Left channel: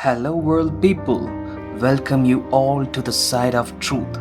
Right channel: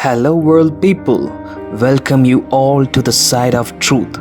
Hello world people, welcome you all to the side of truth.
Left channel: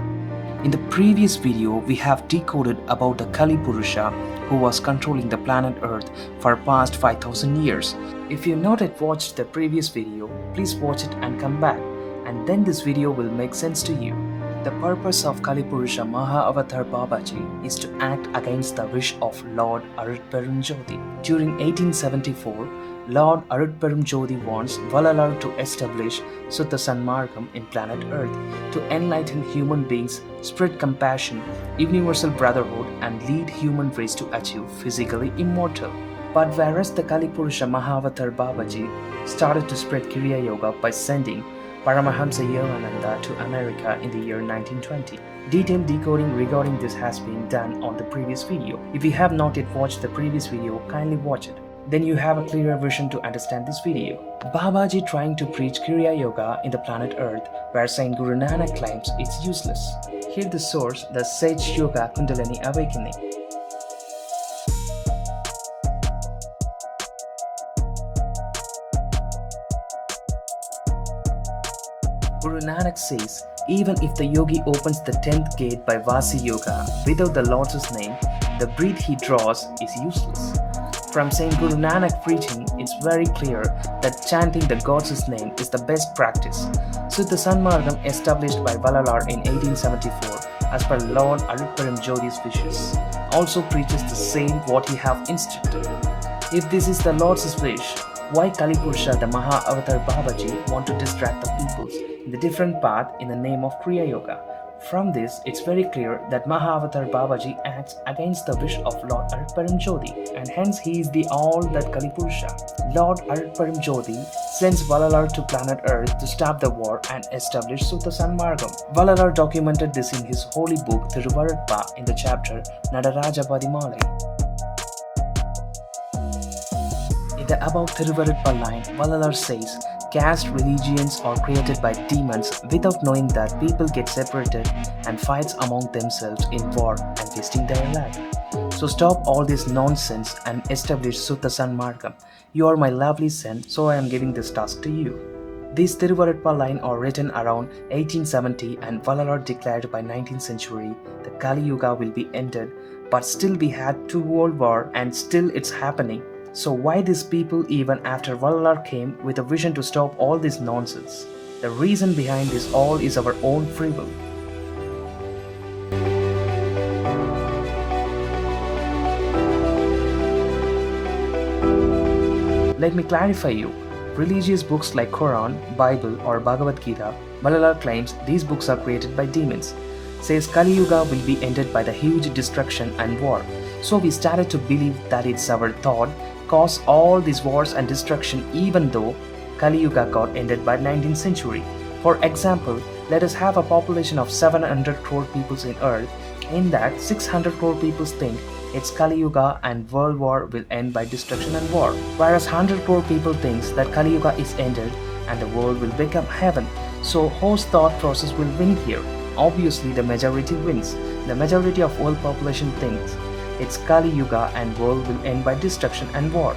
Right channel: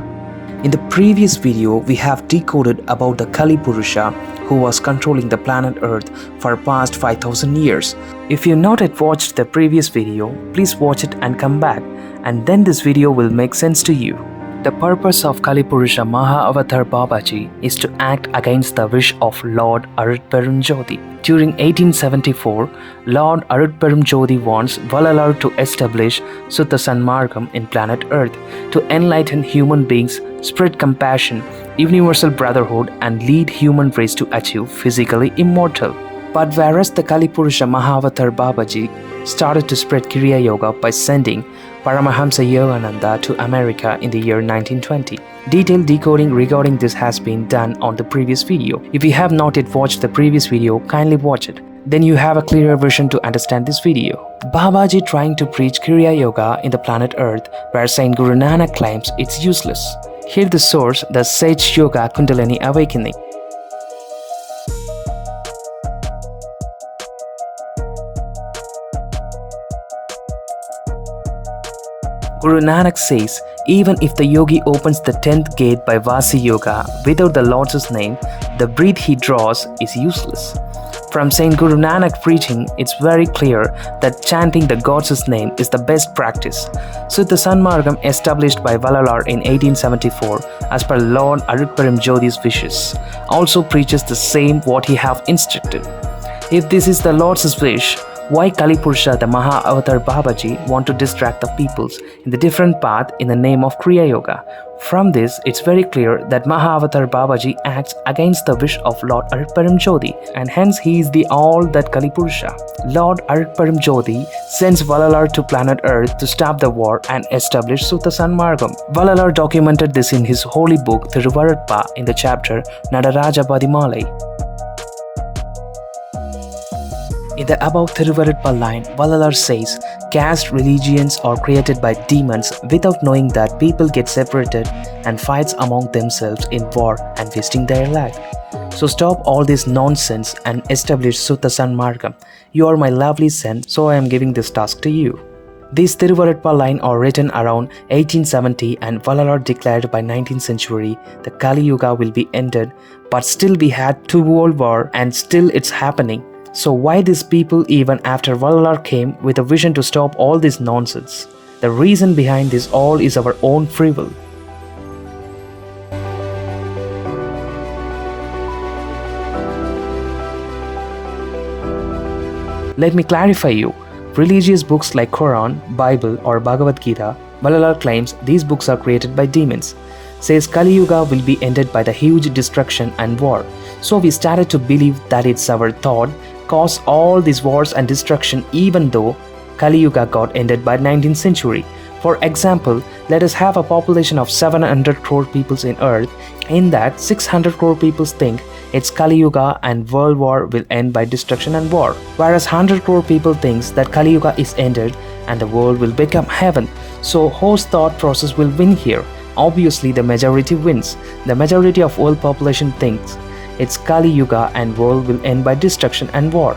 In the previous video, we have decoded about the Kali Purusha who was controlling the planet Earth for past 5000 years. If you not yet watched the previous video, please watch it and come back, and then this video will make sense to you. The purpose of Kali Purusha Avatar Babaji is to act against the wish of Lord Arutperunjothi. During 1874, Lord Arutperunjothi wants Vallalar to establish Suttha Sanmargam in planet Earth to enlighten human beings, spread compassion, universal brotherhood, and lead human race to achieve physically immortal. But whereas the Kali Purusha Avatar Babaji started to spread Kriya Yoga by sending Paramahamsa Yogananda to America in the year 1920. Detailed decoding regarding this has been done on the previous video. If you have not yet watched the previous video, kindly watch it. Then you have a clearer vision to understand this video. Babaji trying to preach Kriya Yoga in the planet Earth, where Saint Guru Nanak claims it's useless. Here the source, the Sage Yoga Kundalini Awakening. Guru Nanak says, even if the yogi opens the 10th gate by Vasi Yoga without the Lord's name, the breath he draws is useless. From Saint Guru Nanak preaching, it's very clear that chanting the God's name is the best practice. Suttha Sanmargam established by Vallalar in 1874 as per Lord Arutperunjothi's wishes also preaches the same what he have instructed. If this is the Lord's wish, why Kali Purusha the Avatar Babaji want to distract the peoples in the different path in the name of Kriya Yoga? From this, it's very clear that Avatar Babaji acts against the wish of Lord Arutperunjothi, and hence he is the all that Kali Purusha. Lord Arutperunjothi sends Vallalar to planet Earth to stop the war and establish Suttha Sanmargam. Vallalar documented this in his holy book Thiruvarutpa in the chapter Nadaraja Padimalai. In the above Thiruvarutpa line, Vallalar says, caste religions are created by demons without knowing that people get separated and fights among themselves in war and wasting their life. So stop all this nonsense and establish Suttha Sanmargam. You are my lovely son, so I am giving this task to you. These Thiruvarutpa line are written around 1870 and Vallalar declared by 19th century the Kali Yuga will be ended, but still we had 2 world war and still it's happening. So why these people even after Vallalar came with a vision to stop all this nonsense? The reason behind this all is our own free will. Let me clarify you. Religious books like Quran, Bible or Bhagavad Gita, Vallalar claims these books are created by demons. Says Kali Yuga will be ended by the huge destruction and war. So we started to believe that it's our thought caused all these wars and destruction, even though Kali Yuga got ended by 19th century. For example, let us have a population of 700 crore people in Earth. In that, 600 crore people think it's Kali Yuga and world war will end by destruction and war. Whereas 100 crore people thinks that Kali Yuga is ended and the world will become heaven. So whose thought process will win here? Obviously the majority wins. The majority of world population thinks it's Kali Yuga and world will end by destruction and war.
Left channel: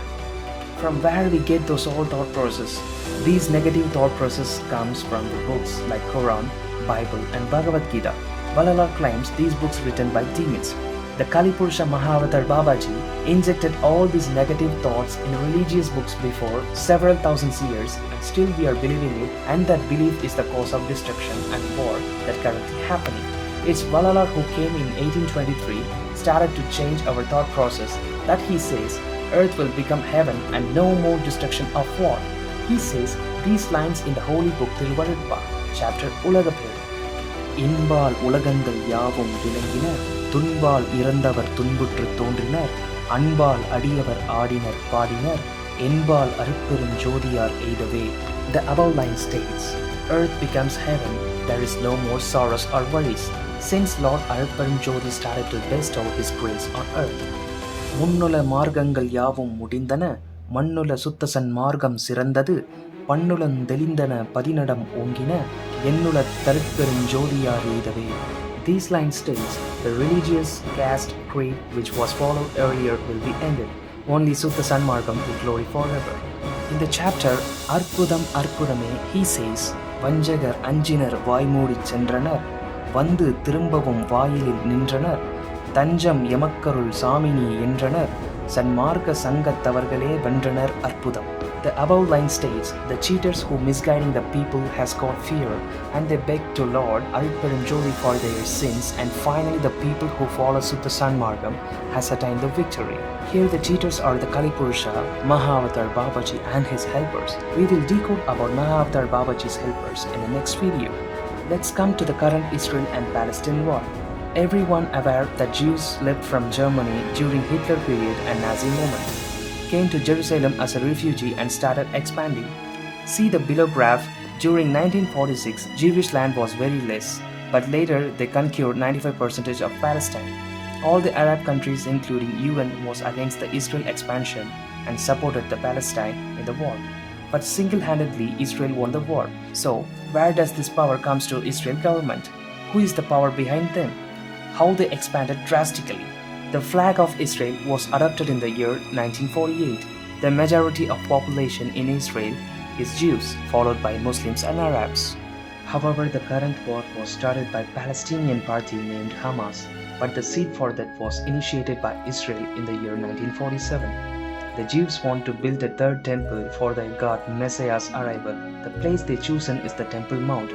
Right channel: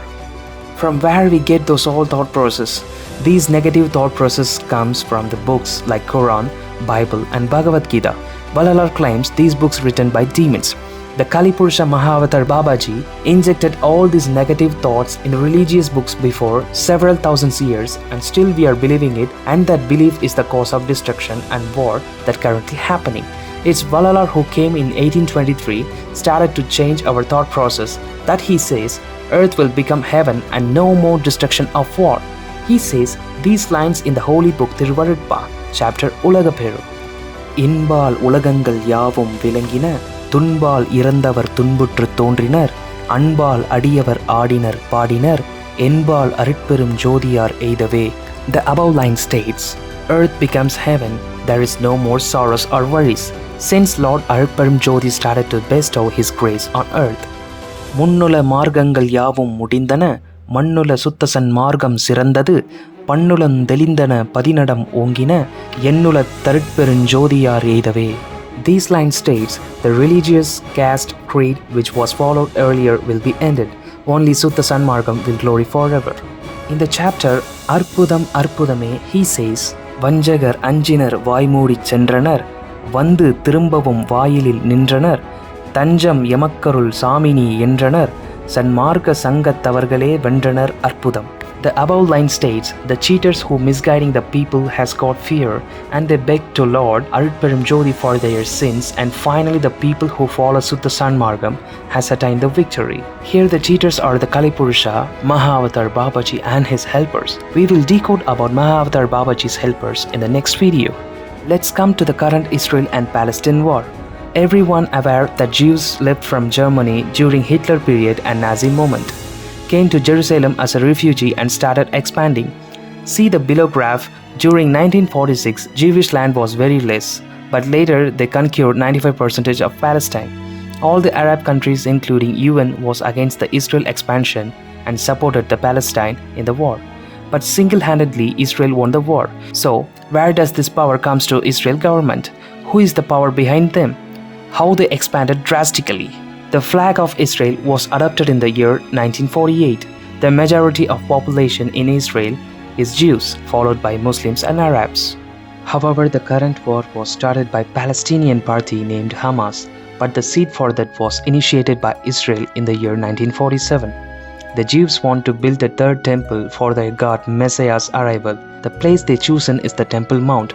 From where we get those all thought process? These negative thought process comes from the books like Quran, Bible and Bhagavad Gita. Vallalar claims these books written by demons. The Kali Purusha Avatar Babaji injected all these negative thoughts in the religious books before several thousands years, and still we are believing it, and that belief is the cause of destruction and war that currently happening. It's Vallalar who came in 1823, started to change our thought process, that he says earth will become heaven and no more destruction of war. He says these lines in the holy book Thiruvarutpa, chapter Ulagaperu. Inbal ulagangal yavum vilangina, Tunbal irandavar tunbutru tondrinar, Anbal adiyavar aadinar paadinar, Enbal Arutperunjothiyar eidave. The above line states, earth becomes heaven, there is no more sorrows or worries, since Lord Arutperunjothi started to bestow his grace on earth. Munnula margangal yavum mudindana, Mannula Suttha Sanmargam sirandadu, Pannulan delindana padinadam ongina, Yennula Arutperunjothiyar eidave. These lines states the religious caste creed which was followed earlier will be ended. Only Suttha Sanmargam will glory forever. In the chapter Arpudam Arpudame, he says, Vanjagar Anjinar Vaimudi Chendranar, Vandu Tirumbavum Vailil Nindranar, Tanjam Yamakkarul Samini Yendranar, Sanmarka Sangathavargale Vendranar Arpudam. The above line states, the cheaters who misguiding the people has got fear, and they beg to Lord Arutperunjothi for their sins, and finally the people who follow Sutta Sanmargam has attained the victory. Here the cheaters are the Kali Purusha, Mahavatar Babaji and his helpers. We will decode about Mahavatar Babaji's helpers in the next video. Let's come to the current Israel and Palestine war. Everyone aware that Jews left from Germany during Hitler period and Nazi moment, came to Jerusalem as a refugee and started expanding. See the below graph. During 1946, Jewish land was very less, but later they conquered 95% of Palestine. All the Arab countries including UN was against the Israel expansion and supported the Palestine in the war. But single-handedly Israel won the war. So where does this power comes to Israel government? Who is the power behind them? How they expanded drastically? The flag of Israel was adopted in the year 1948. The majority of population in Israel is Jews, followed by Muslims and Arabs. However, the current war was started by Palestinian party named Hamas, but the seed for that was initiated by Israel in the year 1947. The Jews want to build a third temple for their God Messiah's arrival. The place they chosen is the Temple Mount,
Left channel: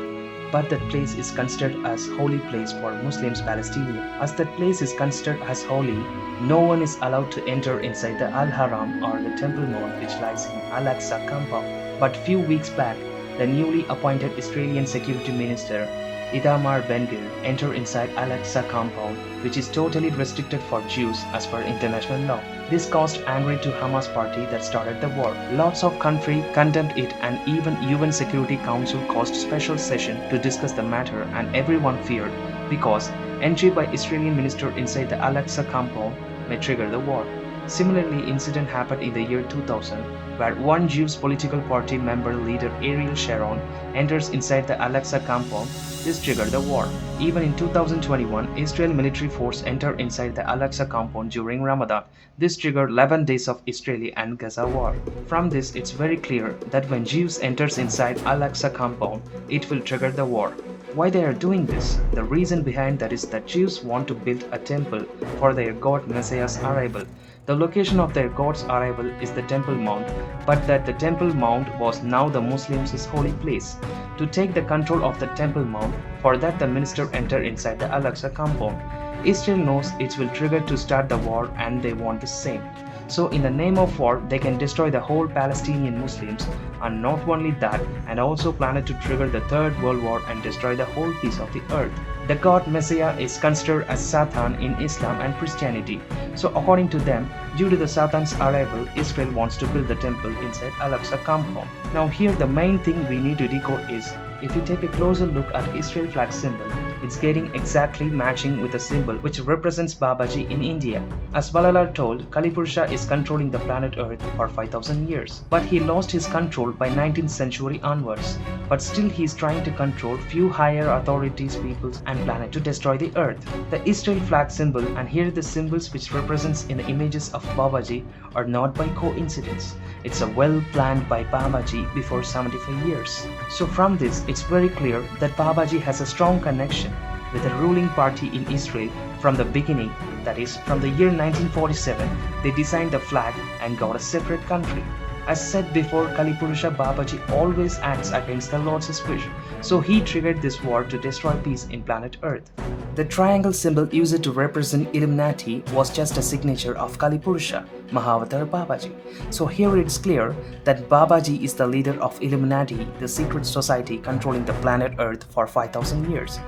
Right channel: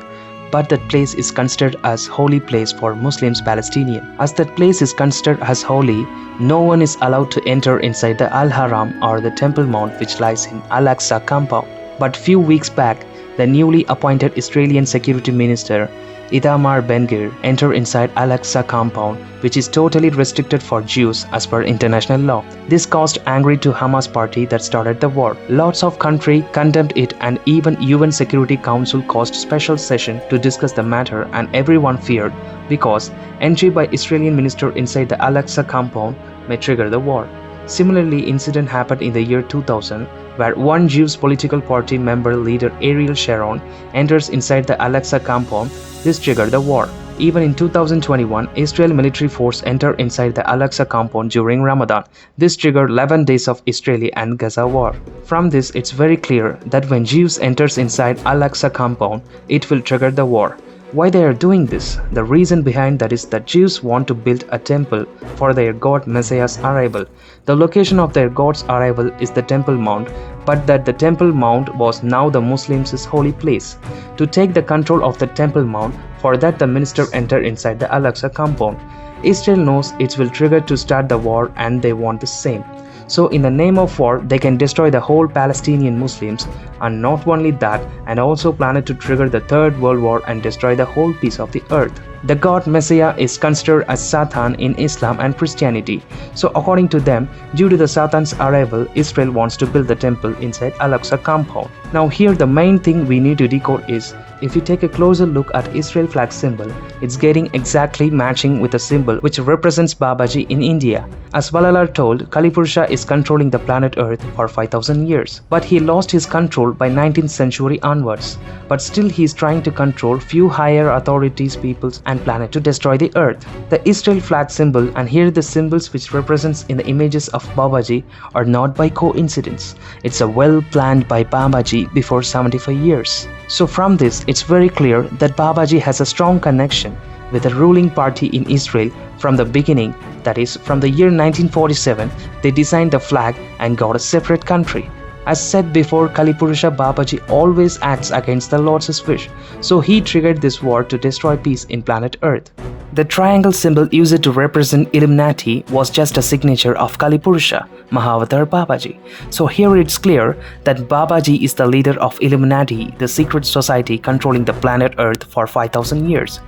but that place is considered as holy place for Muslims Palestinian. As that place is considered as holy, no one is allowed to enter inside the Al-Haram or the Temple Mount which lies in Al-Aqsa compound. But few weeks back, the newly appointed Israeli Security Minister Itamar Ben-Gvir entered inside Al-Aqsa compound, which is totally restricted for Jews as per international law. This caused anger to Hamas party that started the war. Lots of country condemned it, and even UN Security Council caused special session to discuss the matter, and everyone feared because entry by Israeli minister inside the Al-Aqsa compound may trigger the war. Similarly, incident happened in the year 2000 where one Jewish political party member leader Ariel Sharon enters inside the Al-Aqsa compound. This triggered the war. Even in 2021, Israel military force entered inside the Al-Aqsa compound during Ramadan. This triggered 11 days of Israeli and Gaza war. From this, it's very clear that when Jews enters inside Al-Aqsa compound, it will trigger the war. Why they are doing this? The reason behind that is that Jews want to build a temple for their God Messiah's arrival. The location of their God's arrival is the Temple Mount, but that the Temple Mount was now the Muslims' holy place. To take the control of the Temple Mount, for that the minister entered inside the Al-Aqsa compound. Israel knows it will trigger to start the war, and they want the same. So in the name of war, they can destroy the whole Palestinian Muslims, and not only that, and also planned to trigger the Third World War and destroy the whole piece of the earth. The God Messiah is considered as Satan in Islam and Christianity. So according to them, due to the Satan's arrival, Israel wants to build the temple inside Al-Aqsa compound. Now here the main thing we need to decode is, if you take a closer look at Israel flag symbol, it's getting exactly matching with the symbol which represents Babaji in India. As Vallalar told, Kali Purusha is controlling the planet Earth for 5,000 years. But he lost his control by 19th century onwards. But still he is trying to control few higher authorities, peoples and planet to destroy the earth. The Israel flag symbol and here the symbols which represents in the images of Babaji are not by coincidence. It's a well planned by Babaji before 75 years. So from this, it's very clear that Babaji has a strong connection with the ruling party in Israel from the beginning. That is, from the year 1947, they designed the flag and got a separate country. As said before, Kali Purusha Babaji always acts against the Lord's wish, so he triggered this war to destroy peace in planet Earth. The triangle symbol used to represent Illuminati was just a signature of Kali Purusha, Mahavatar Babaji. So here it's clear that Babaji is the leader of Illuminati, the secret society controlling the planet Earth for 5,000 years.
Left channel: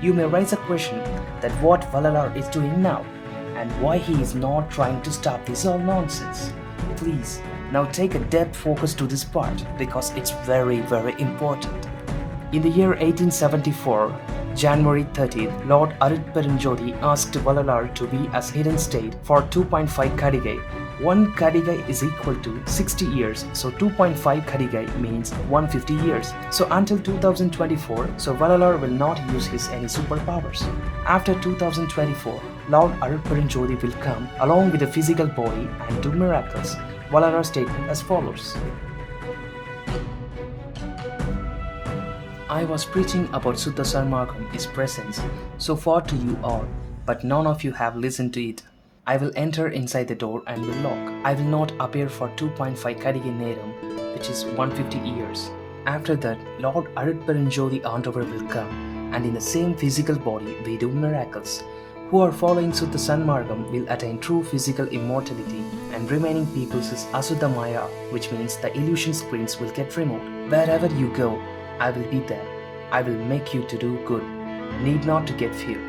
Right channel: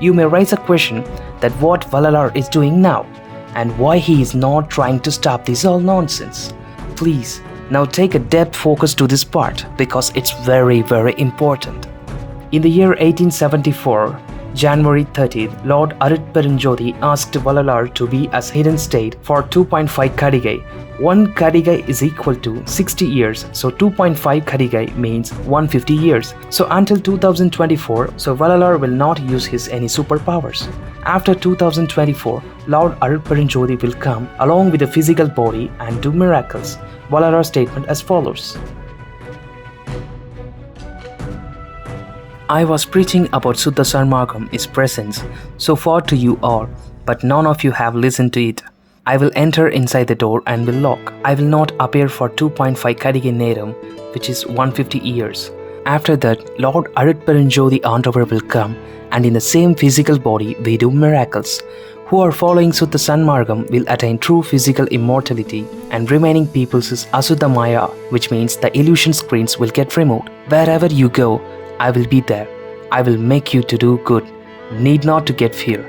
You may raise a question that what Vallalar is doing now, and why he is not trying to stop this all nonsense. Please, now take a depth focus to this part because it's very important. In the year 1874, January 30th, Lord Arutperunjothi asked Vallalar to be as hidden state for 2.5 Kadigai. 1 Kadigai is equal to 60 years, so 2.5 Kadigai means 150 years. So until 2024, so Vallalar will not use his any superpowers. After 2024, Lord Arutperunjothi will come along with a physical body and do miracles. Vallalar's statement as follows. I was preaching about Suddha Sarmagam, its presence, so far to you all, but none of you have listened to it. I will enter inside the door and will lock. I will not appear for 2.5 Kadiga Neram, which is 150 years. After that, Lord Arutperunjothi Aandavar will come, and in the same physical body we do miracles. Who are following Suddha Sanmargam will attain true physical immortality, and remaining people's is Asuddha Maya, which means the illusion screens will get removed. Wherever you go, I will be there. I will make you to do good. Need not to get fear.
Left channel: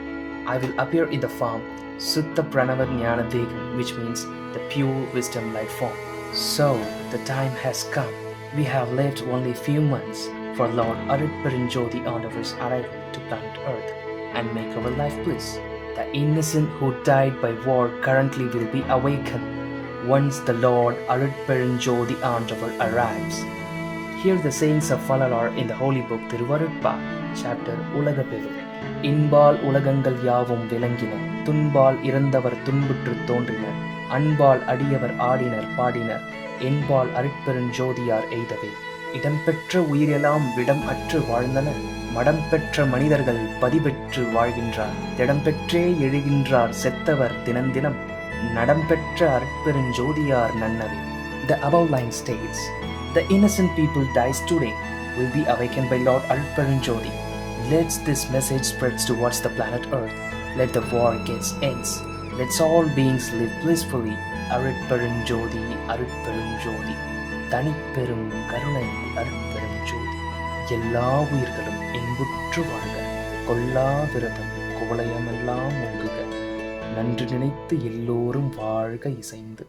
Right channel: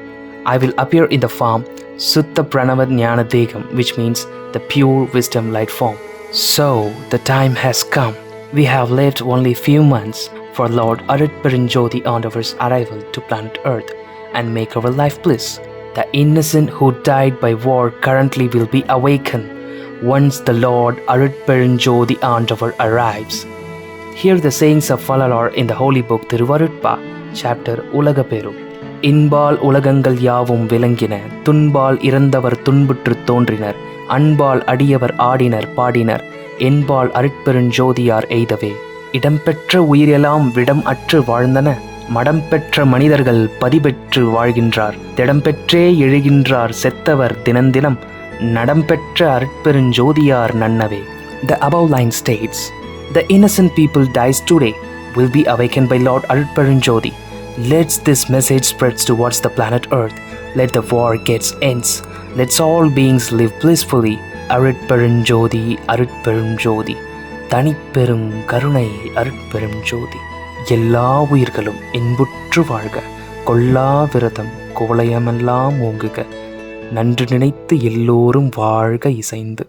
I will appear in the form Suddha Pranava Jnana Degam, which means the pure wisdom light form. So, the time has come. We have lived only few months for Lord Arutperunjothi Aandavar's arrival to planet Earth and make our life bliss. The innocent who died by war currently will be awakened once the Lord Arutperunjothi Aandavar arrives. Hear the sayings of Vallalar in the holy book Thiruvarutpa, chapter Ulagaperu. இன்பால் உலகங்கள் யாவும் விளங்கின, துன்பால் இறந்தவர் துன்புற்று தோன்றினர், அன்பால் அடியவர் ஆடினர் பாடினர், என்பால் அருட்பெருஞ்சோதியார் எய்தவே. இடம்பெற்ற உயிரெல்லாம் விடம் அற்று வாழ்ந்தன, மடம் பெற்ற மனிதர்கள் பதிபெற்று வாழ்கின்றார், திடம்பெற்றே எழுகின்றார் செத்தவர் தினந்தினம், நடம்பெற்ற அருட்பெருஞ்சோதியார் நன்னவே. The above line states, the innocent people dies today will be awakened by Lord Arutperunjothi. Let this message spreads towards the planet Earth. Let the war gets ends. Let all beings live blissfully. Arutperunjothi, Arutperunjothi. தனிப்பெரும் கருணை அருட்பெருஞ்சோதி. எல்லா உயிர்களும் இன்புற்று வாழ்க. கொல்லா விரதம் கோலயமெல்லாம் ஓங்குக. நன்று நினைத்து எல்லோரும் வாழ்க இசைந்து.